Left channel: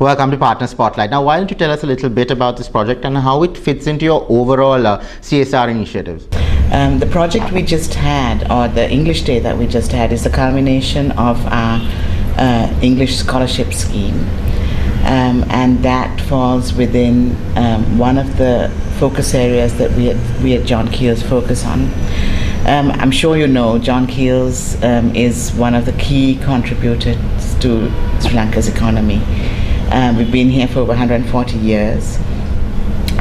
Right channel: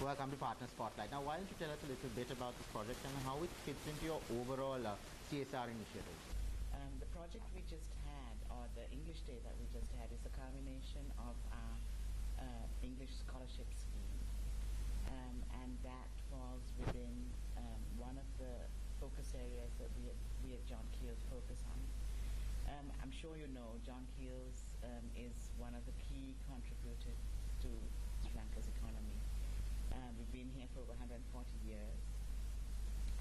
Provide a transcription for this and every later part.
Welcome to Partner Spotlight. Now, why don't you tell us a little bit about this project and how it fits into your overall CSR initiatives? The project we just had, or the English Day that we just had, is the culmination of our English scholarship scheme. And that falls within one of the focus areas that we at John Keells focus on. I'm sure you know John Keells is one of the key contributors to Sri Lanka's economy. We've been here for over 140 years,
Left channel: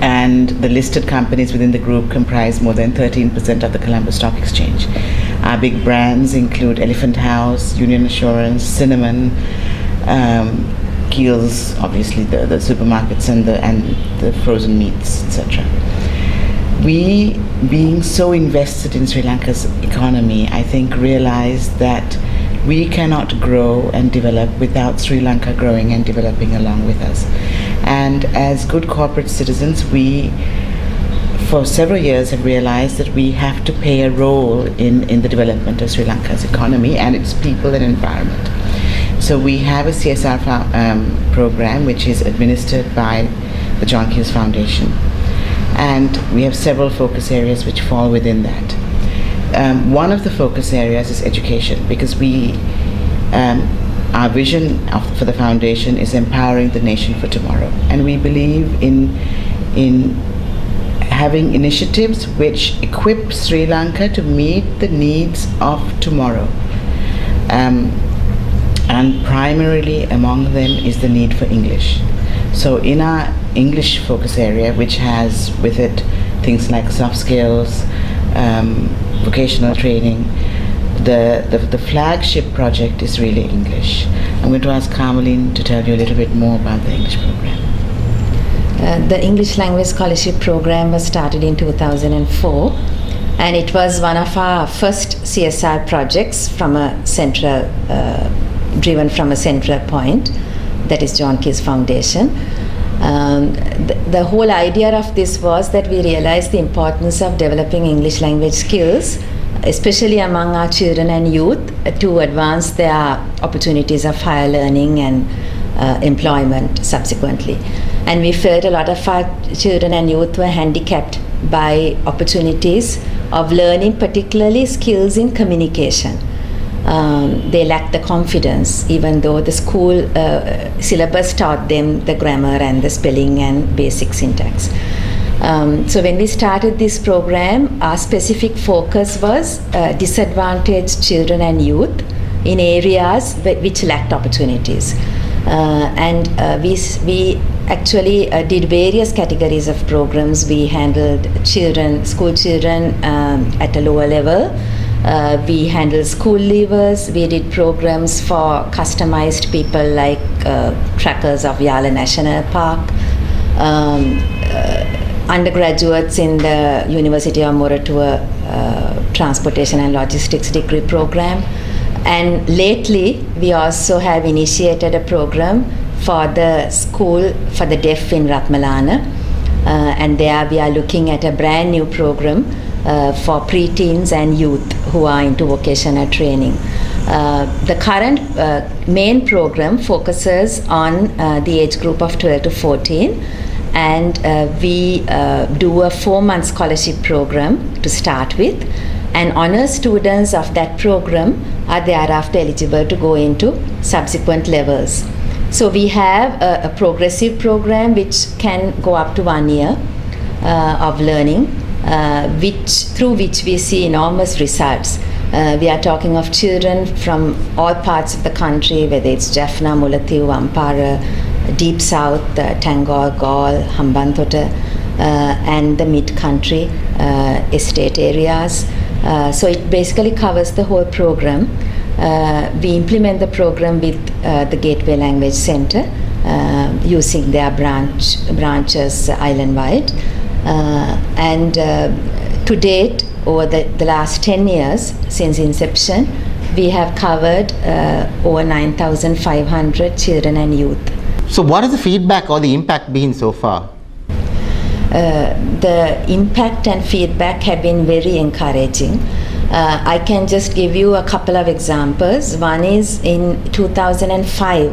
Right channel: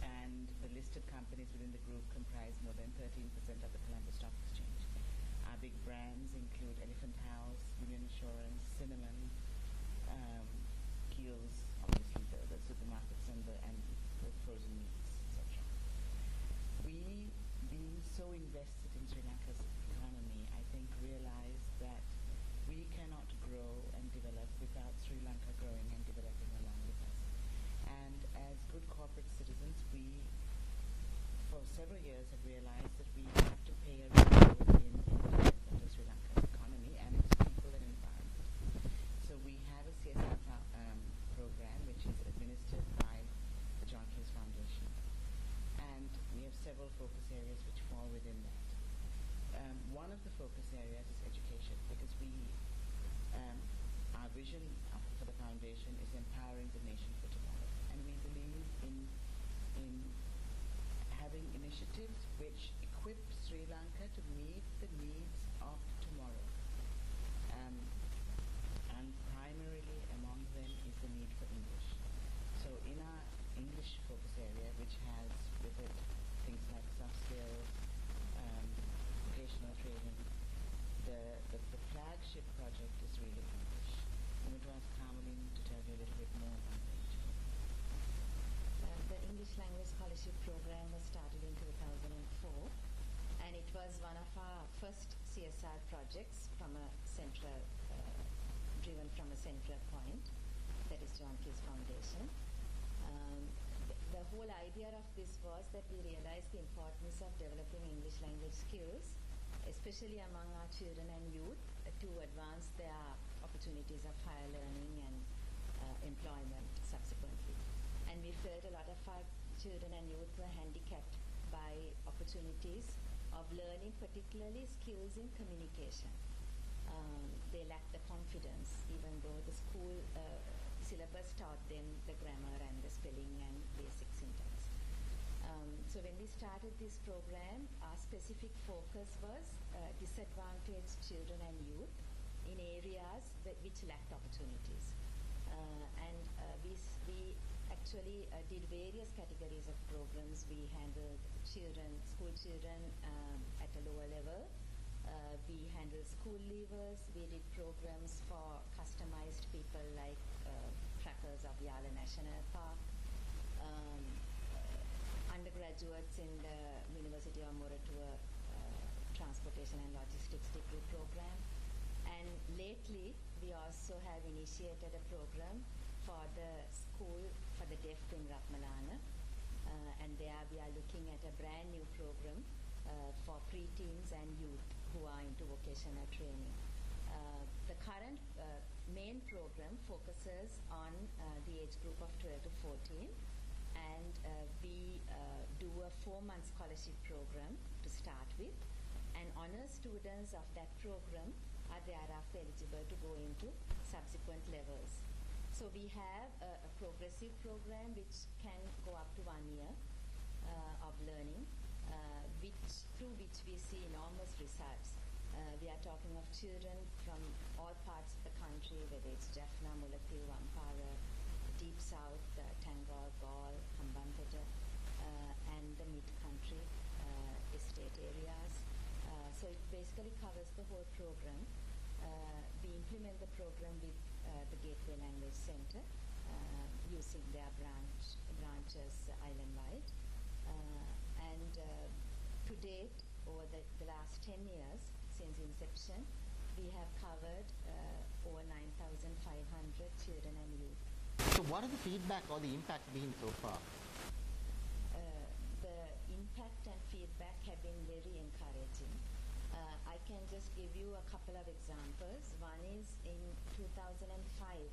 and the listed companies within the group comprise more than 13% of the Colombo Stock Exchange. Our big brands include Elephant House, Union Assurance, Cinnamon, Keells, obviously the supermarkets and the frozen meats, etc. We, being so invested in Sri Lanka's economy, I think realized that we cannot grow and develop without Sri Lanka growing and developing along with us. And as good corporate citizens, we, for several years, have realized that we have to play a role in the development of Sri Lanka's economy and its people and environment. So we have a CSR program which is administered by the John Keells Foundation. And we have several focus areas which fall within that. One of the focus areas is education, because our vision for the foundation is empowering the nation for tomorrow. And we believe in having initiatives which equip Sri Lanka to meet the needs of tomorrow. And primarily among them is the need for English. So in our English focus area, which has with it things like soft skills, vocational training, the flagship project is really English. I'm going to ask Carmeline to tell you a little bit more about the English program. The English Language Scholarship Program was started in 2004, and it was one of our first CSR projects from a central, driven from a central point, that is John Keells Foundation. The whole idea of this was that we realized the importance of developing English language skills, especially among our children and youth, to advance their opportunities of higher learning and employment subsequently. And we felt a lot of our children and youth were handicapped by opportunities of learning, particularly skills in communication. They lacked the confidence, even though the school syllabus taught them the grammar and the spelling and basic syntax. So when we started this program, our specific focus was disadvantaged children and youth in areas which lacked opportunities. And we actually did various categories of programs. We handled school children at a lower level. We handled school leavers. We did programs for customized people like trackers of Yala National Park, undergraduates in the University of Moratuwa Transportation and Logistics degree program. And lately, we also have initiated a program for the school for the deaf in Ratmalana. And there we are looking at a brand new program for preteens and youth who are into vocational training. The current main program focuses on the age group of 12 to 14, and we do a 4-month scholarship program to start with, and honor students of that program are thereafter eligible to go into subsequent levels. So we have a progressive program which can go up to 1 year of learning, through which we see enormous results. We are talking of children from all parts of the country, whether it's Jaffna, Mullaitivu, Ampara, Deep South, Tangor, Galle, Hambantota, and the mid-country estate areas. So it basically covers the whole program. We implement the program with the Gateway Language Center, using their branches island-wide. And to date, over the last 10 years since inception, we have covered over 9,500 children and youth. So what has the feedback or the impact been so far? The impact and feedback have been very encouraging. I can just give you a couple of examples. One is in 2005,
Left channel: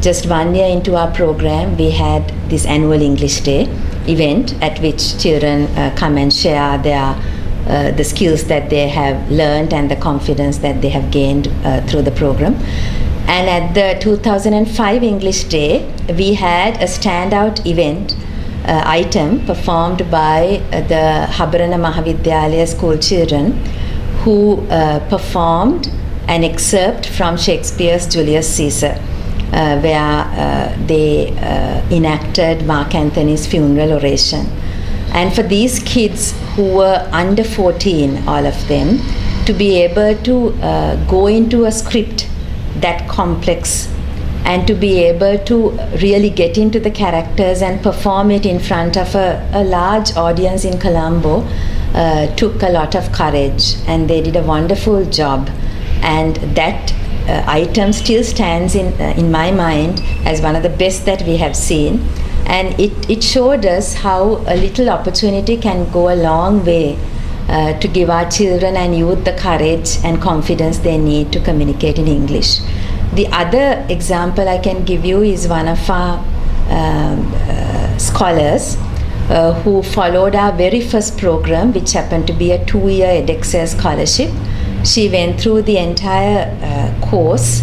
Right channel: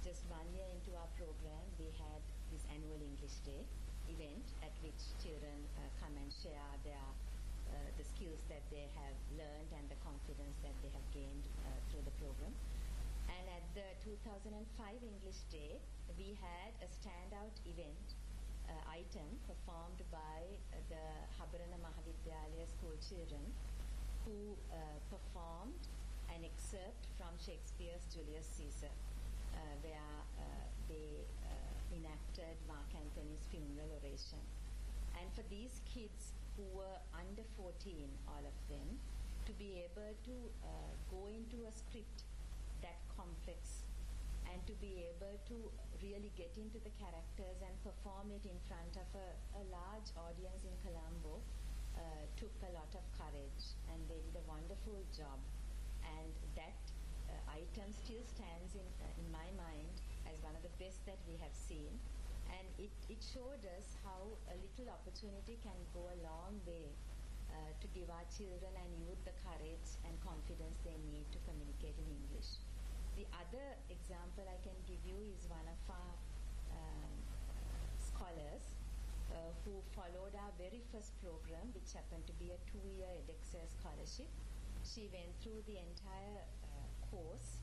just 1 year into our program, we had this annual English Day event at which children come and share the skills that they have learned and the confidence that they have gained through the program. And at the 2005 English Day, we had a standout event item performed by the Habarana Mahavidyalaya school children who performed an excerpt from Shakespeare's Julius Caesar, where they enacted Mark Antony's funeral oration. And for these kids who were under 14, all of them, to be able to go into a script that complex and to be able to really get into the characters and perform it in front of a large audience in Colombo took a lot of courage, and they did a wonderful job. And that item still stands in my mind as one of the best that we have seen. And it showed us how a little opportunity can go a long way to give our children and youth the courage and confidence they need to communicate in English. The other example I can give you is one of our scholars who followed our very first program, which happened to be a 2-year edXL scholarship. She went through the entire course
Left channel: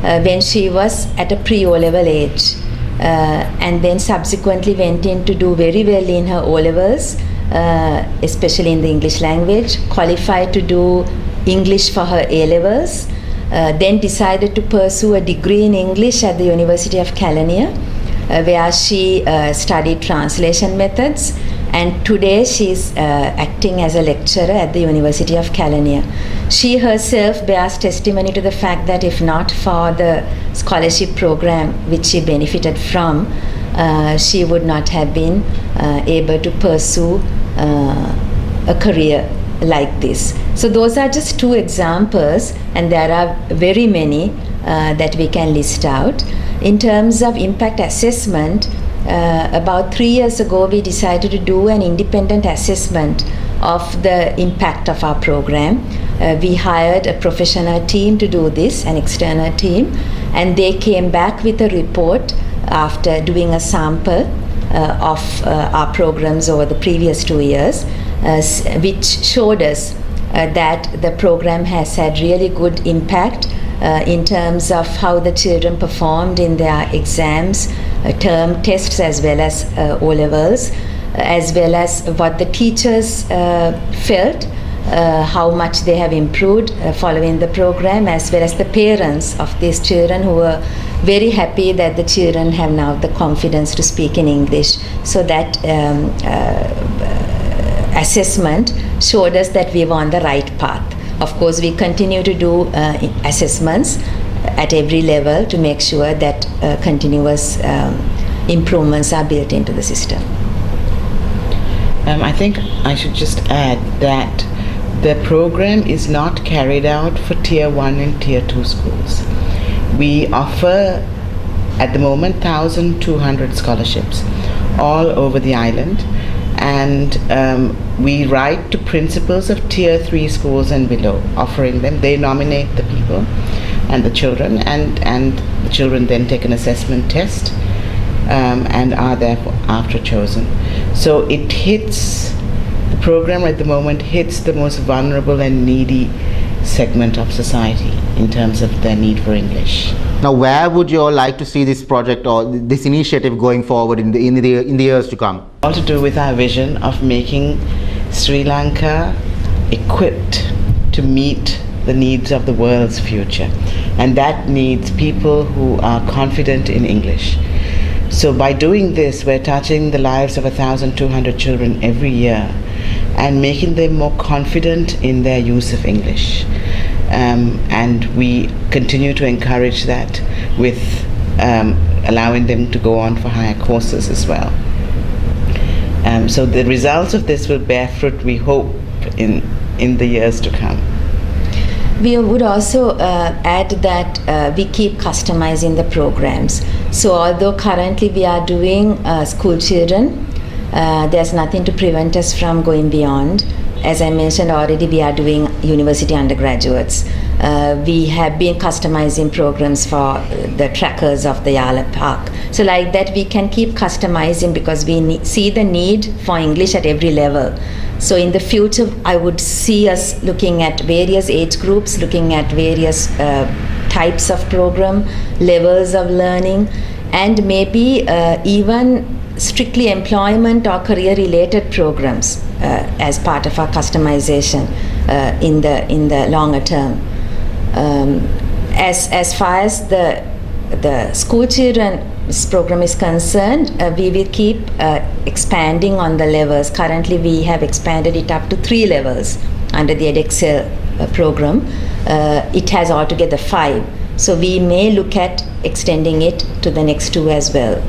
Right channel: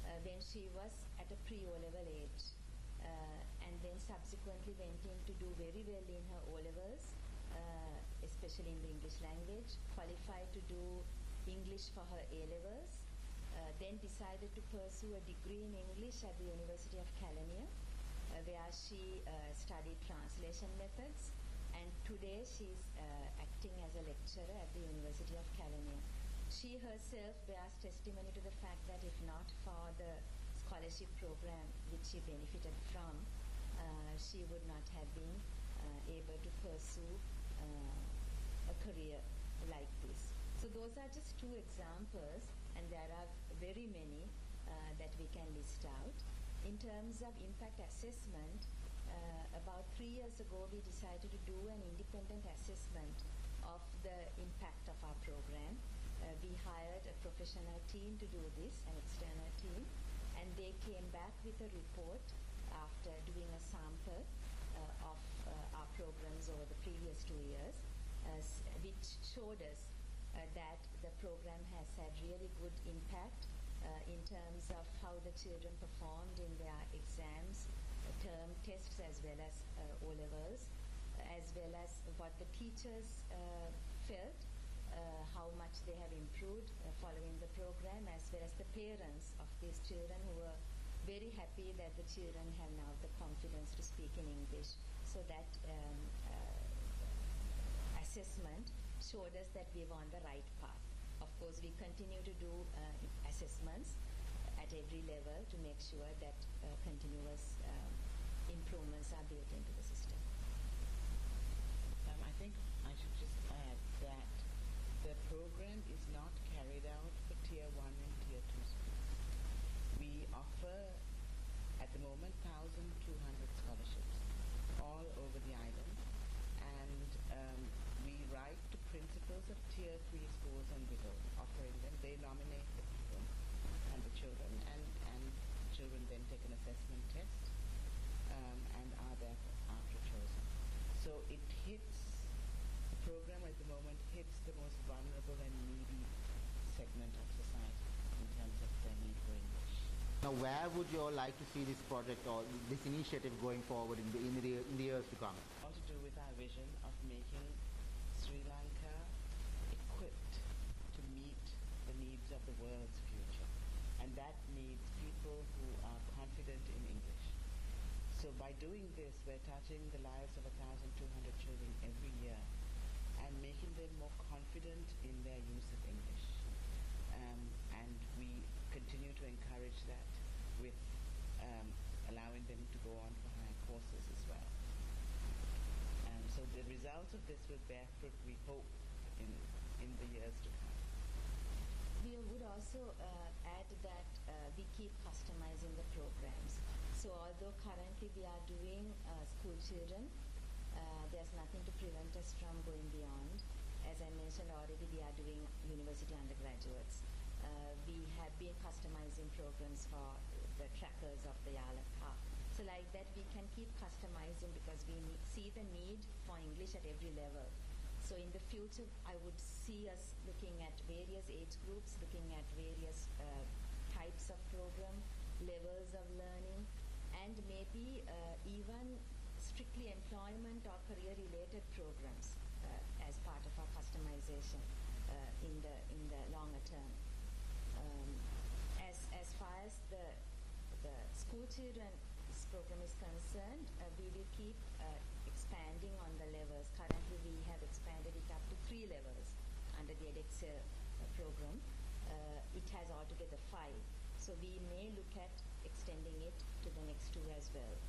when she was at a pre-O-level age. And then subsequently went in to do very well in her O-levels, especially in the English language, qualified to do English for her A-levels, then decided to pursue a degree in English at the University of Kelaniya, where she studied translation methods, and today she's acting as a lecturer at the University of Kelaniya. She herself bears testimony to the fact that if not for the scholarship program which she benefited from, she would not have been able to pursue a career like this. So those are just 2 examples, and there are very many that we can list out. In terms of impact assessment, about 3 years ago we decided to do an independent assessment of the impact of our program. We hired a professional team to do this, an external team, and they came back with a report after doing a sample of our programs over the previous 2 years, which showed us that the program has had really good impact in terms of how the children performed in their exams, term tests, as well as O-levels, as well as what the teachers felt, how much they have improved following the program, as well as the parents of these children who were very happy that the children have now the confidence to speak in English. So that assessment showed us that we were on the right path. Of course, we continue to do assessments at every level to make sure that continuous improvements are built into the system. I think I should just add that the program is not carried out for Tier 1 and Tier 2 schools. We offer, at the moment, 1,200 scholarships all over the island, and we write to principals of Tier 3 schools and below, offering them. They nominate the people and the children, and the children then take an assessment test and are thereafter chosen. So it hits, the program at the moment hits the most vulnerable and needy segment of society in terms of their need for English. Now, where would you all like to see this project or this initiative going forward in the years to come? All to do with our vision of making Sri Lanka equipped to meet the needs of the world's future, and that needs people who are confident in English. So by doing this, we're touching the lives of 1,200 children every year and making them more confident in their use of English. And we continue to encourage that with allowing them to go on for higher courses as well. So the results of this will bear fruit, we hope, in the years to come. We would also add that we keep customizing the programs. So although currently we are doing school children, there's nothing to prevent us from going beyond. As I mentioned already, we are doing university undergraduates. We have been customizing programs for the trackers of the Yala Park. So like that, we can keep customizing because we see the need for English at every level. So in the future, I would see us looking at various age groups, looking at various types of program, levels of learning, and maybe even strictly employment or career-related programs as part of our customization in the longer term. As far as the school children's program is concerned, we will keep expanding on the levels. Currently, we have expanded it up to 3 levels under the edXcel program. It has altogether 5. So we may look at extending it to the next 2 as well.